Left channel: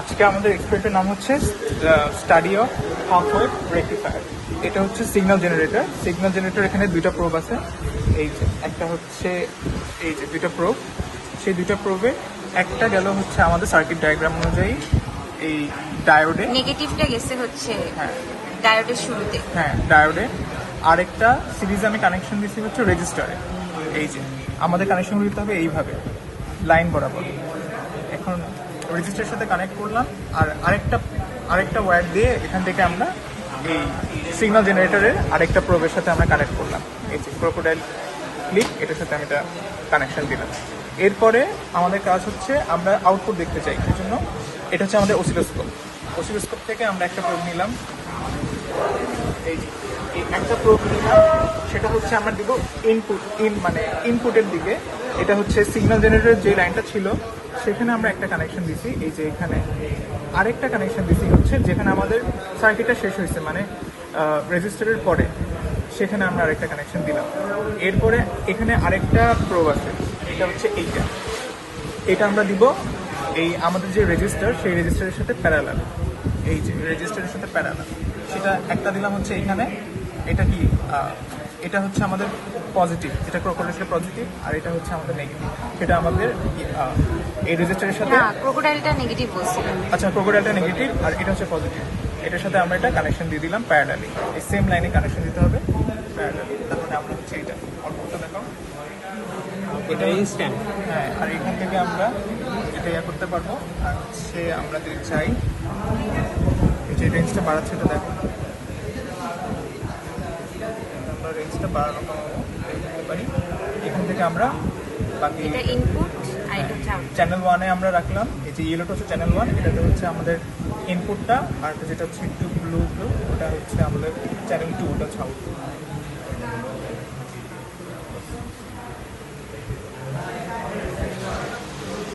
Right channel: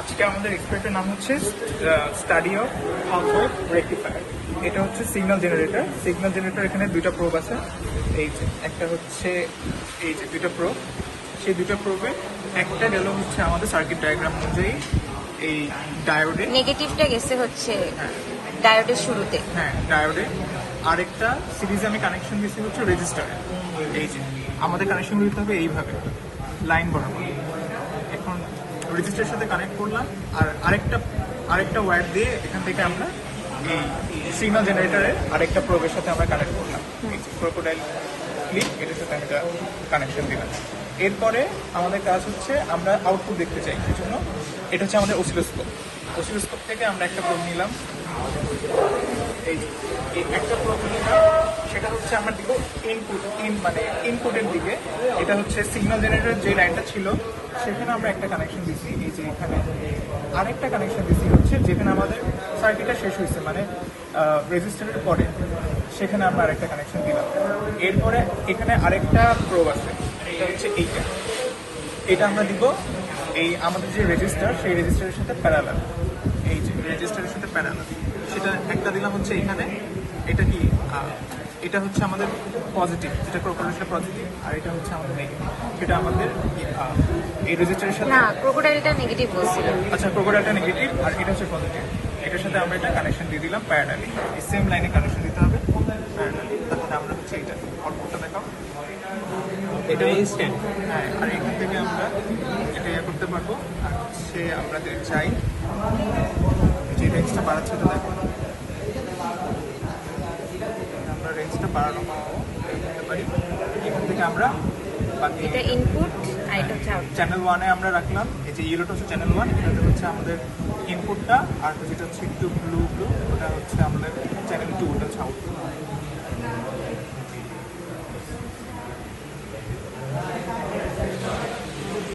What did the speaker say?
আজকে আমাদের এক্সপার্টের নাম হচ্ছে স্টাডি অফ হাফ রেক্টিফায়ার। এটা হচ্ছে সিগন্যাল জেনারেটর। সিগন্যাল জেনারেটর এখানে দুইটা প্রোব আছে। এই যে একটা হচ্ছে এই যে দুটো প্রোব, সেই দুটো প্রোবে একটা গেল হচ্ছে আমাদের সার্কিট ডায়াগ্রাম অনুযায়ী এই ডায়োডে, নেগেটিভটা গেছে হচ্ছে ডায়োডের শুরুতে। হ্যাঁ ডায়োডে। আরেকটা সিরিজে কানেকশন দিচ্ছি হচ্ছে রেজিস্টারে। এই যে আমাদের কানেকশন দিতে হবে এইভাবে লাইন বরাবর। এখন রেজিস্টারের সাথে কানেক্ট করলাম, আর আরেকটা ওয়্যার দিয়ে এখান থেকে আমরা এই সিগন্যাল জেনারেটরের আরেকটা প্রোবের সাথে আমরা কানেক্ট করলাম। এই যে ক্রোকোডাইল ক্লিপ, এটার সাথে আমি এটা কানেকশন দিলাম। এরপরে আমাদের কাজ হচ্ছে আমরা আউটপুট দেখতে চাই, সেজন্য এটা হচ্ছে আমাদের অসিলোস্কোপ। অসিলোস্কোপ থেকে আমরা একটা প্রোব নিলাম, এই একটা প্রোব নিলাম, সেটা হচ্ছে আমরা দিব ইনপুটের দিকে। এটা হচ্ছে সিগন্যাল জেনারেটরের যে লাইনটা ছিল সেখানে আমরা একটা কানেকশন দিছি। এই যে এখানে আরেকটা কানেকশন দিছি হচ্ছে যেখানে আমাদের সার্কিটটা শেষ হয়েছে, মানে রেজিস্টারের পরে সেখানে আমরা আরেকটা কানেকশন দিলাম। এরপরে এখানে আরেকটা প্রোব আছে, এটা হচ্ছে এটা আমরা দিব এই আমাদের যে রেজিস্টার, সেই রেজিস্টারের সাথে প্যারালাল। এই যে রেজিস্টারের সাথে প্যারালাল, সেটা একটা দিলাম হচ্ছে এখানে। এটা কি এটা হচ্ছে আমাদের পজিটিভ, এটা ক্রোকোডাইলটা পজিটিভ, আর এটা হচ্ছে আমাদের নেগেটিভ। সেটা আমাদের এই রেজিস্টারের সাথে, না, ক্রোকোডাইলটা নেগেটিভ বলছিল। আচ্ছা ক্রোকোডাইলটা নেগেটিভ আর এটা হচ্ছে পজিটিভ। এটার সাথে আমরা এটা কানেকশন দিয়ে দিলাম প্যারালালি, এই সেম লাইনে কানেকশন দিতে হবে। আমরা হচ্ছে এটা আউটপুটটা দেখাম, এটা ইনস্ট্যান্ট। আর এখান থেকে আমরা এটা করতে পারবো। সে আমরা চাই যে রেঞ্জটা বাড়াচ্ছে, তো দেখো আমরা রেঞ্জটা বাড়ানো করতে পারি। এখান থেকে আমরা বাকি এটা ইনপুট আর এটা হচ্ছে আউটপুট। চ্যানেল 1-এ আমরা রাখলাম। এই যে ইয়েলোটা হচ্ছে চ্যানেল 1, এটাতে হচ্ছে আমাদের ইনপুটটা, আর যেটা হচ্ছে একটু ব্লু ওটা হচ্ছে আমাদের চ্যানেল 2, ওটা হচ্ছে আউটপুট।